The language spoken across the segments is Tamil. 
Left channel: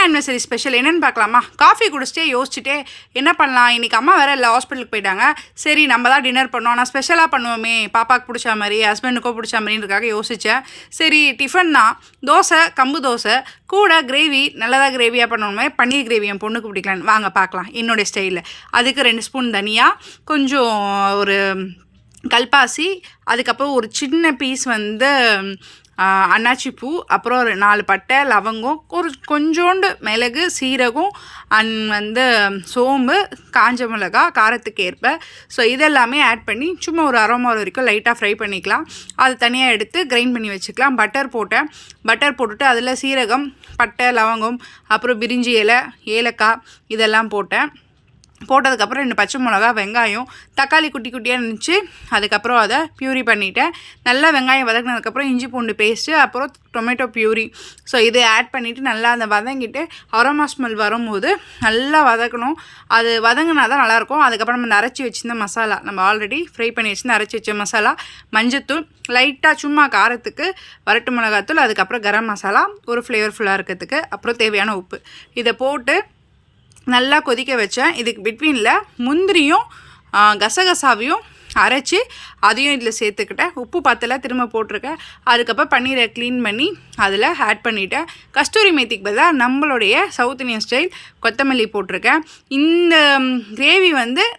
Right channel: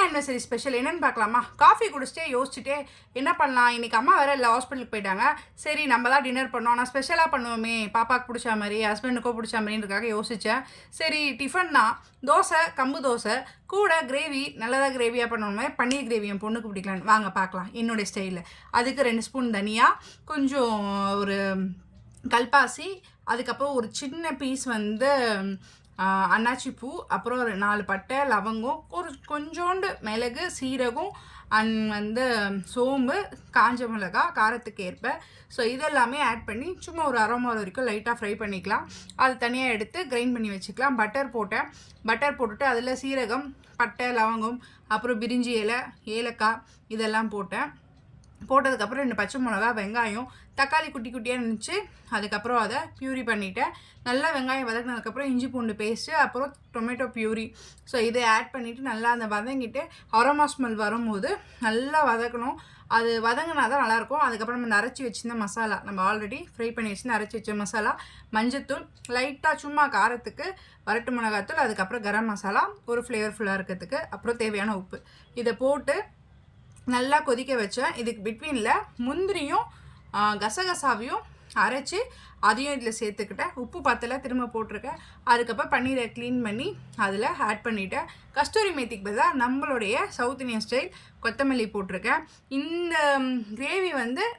வெட்டிங் ஆனிவர்சரி ஸ்பெஷல் என்னென்னு பார்க்கலாமா? காஃபி குடிச்சிட்டே யோசிச்சுட்டே என்ன பண்ணலாம், இன்றைக்கி அம்மா வேறு இல்லை, ஹாஸ்பிட்டலுக்கு போயிட்டாங்க. சரி நம்ம தான் டின்னர் பண்ணோம், ஆனால் ஸ்பெஷலாக பண்ணுவோமே, பாப்பாவுக்கு பிடிச்ச மாதிரி ஹஸ்பண்டுக்கோ பிடிச்ச மாதிரின்றதுக்காக யோசித்தேன். சரி டிஃபன் தான், தோசை, கம்பு தோசை கூட கிரேவி, நல்லதாக கிரேவியாக பண்ணணுமே, பன்னீர் கிரேவி என் பொண்ணுக்கு பிடிக்கலான்னு வாங்க பார்க்கலாம் என்னுடைய ஸ்டைலில். அதுக்கு 2 ஸ்பூன் தனியா, கொஞ்சம் ஒரு கல்பாசி, அதுக்கப்புறம் ஒரு சின்ன பீஸ் அன்னாச்சி பூ, அப்புறம் ஒரு 4 பட்டை, லவங்கம், ஒரு கொஞ்சோண்டு மிளகு, சீரகம், சோம்பு, காஞ்ச மிளகா காரத்துக்கு ஏற்ப. ஸோ இதெல்லாமே ஆட் பண்ணி சும்மா ஒரு அரோமா வரைக்கும் லைட்டாக ஃப்ரை பண்ணிக்கலாம். அது தனியாக எடுத்து கிரைண்ட் பண்ணி வச்சுக்கலாம். பட்டர் போட்டுட்டு அதில் சீரகம், பட்டை, லவங்கம், அப்புறம் பிரிஞ்சி இலை, ஏலக்காய் இதெல்லாம் போட்டதுக்கப்புறம் 2 பச்சை மிளகா, வெங்காயம், தக்காளி குட்டி குட்டியாக இருந்துச்சு. அதுக்கப்புறம் அதை பியூரி பண்ணிவிட்டேன். நல்லா வெங்காயம் வதங்கினதுக்கப்புறம் இஞ்சி பூண்டு பேஸ்ட்டு, அப்புறம் டொமேட்டோ பியூரி. ஸோ இதை ஆட் பண்ணிவிட்டு நல்லா அந்த வதங்கிட்டு அரோமா ஸ்மெல் வரும்போது நல்லா வதக்கணும். அது வதங்கினா தான் நல்லாயிருக்கும். அதுக்கப்புறம் நம்ம அரைச்சி வச்சுருந்த மசாலா, நம்ம ஆல்ரெடி ஃப்ரை பண்ணி வச்சுருந்து அரைச்சி வச்ச மசாலா, மஞ்சத்தூள், லைட்டாக சும்மா காரத்துக்கு வரட்டு மிளகாத்தூள், அதுக்கப்புறம் கரம் மசாலா ஒரு ஃப்ளேவர்ஃபுல்லாக இருக்கிறதுக்கு, அப்புறம் தேவையான உப்பு. இதை போட்டு நல்லா கொதிக்க வச்சேன். இதுக்கு பிட்வீனில் முந்திரியும் கசகசாவையும் அரைச்சி அதையும் இதில் சேர்த்துக்கிட்டேன். உப்பு பத்தலை, திரும்ப போட்டிருக்கேன். அதுக்கப்புறம் பன்னீரை க்ளீன் பண்ணி அதில் ஆட் பண்ணிவிட்டேன். கஸ்தூரி மேத்திக்கு பதிலாக நம்மளுடைய சவுத் இந்தியன் ஸ்டைல் கொத்தமல்லி போட்டிருக்கேன். இந்த கிரேவி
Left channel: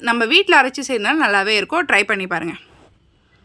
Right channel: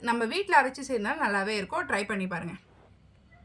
நம்ம வீட்டில் அரைச்சி செய்யறதுனால நல்லாவே இருக்கும். ட்ரை பண்ணி பாருங்கள்.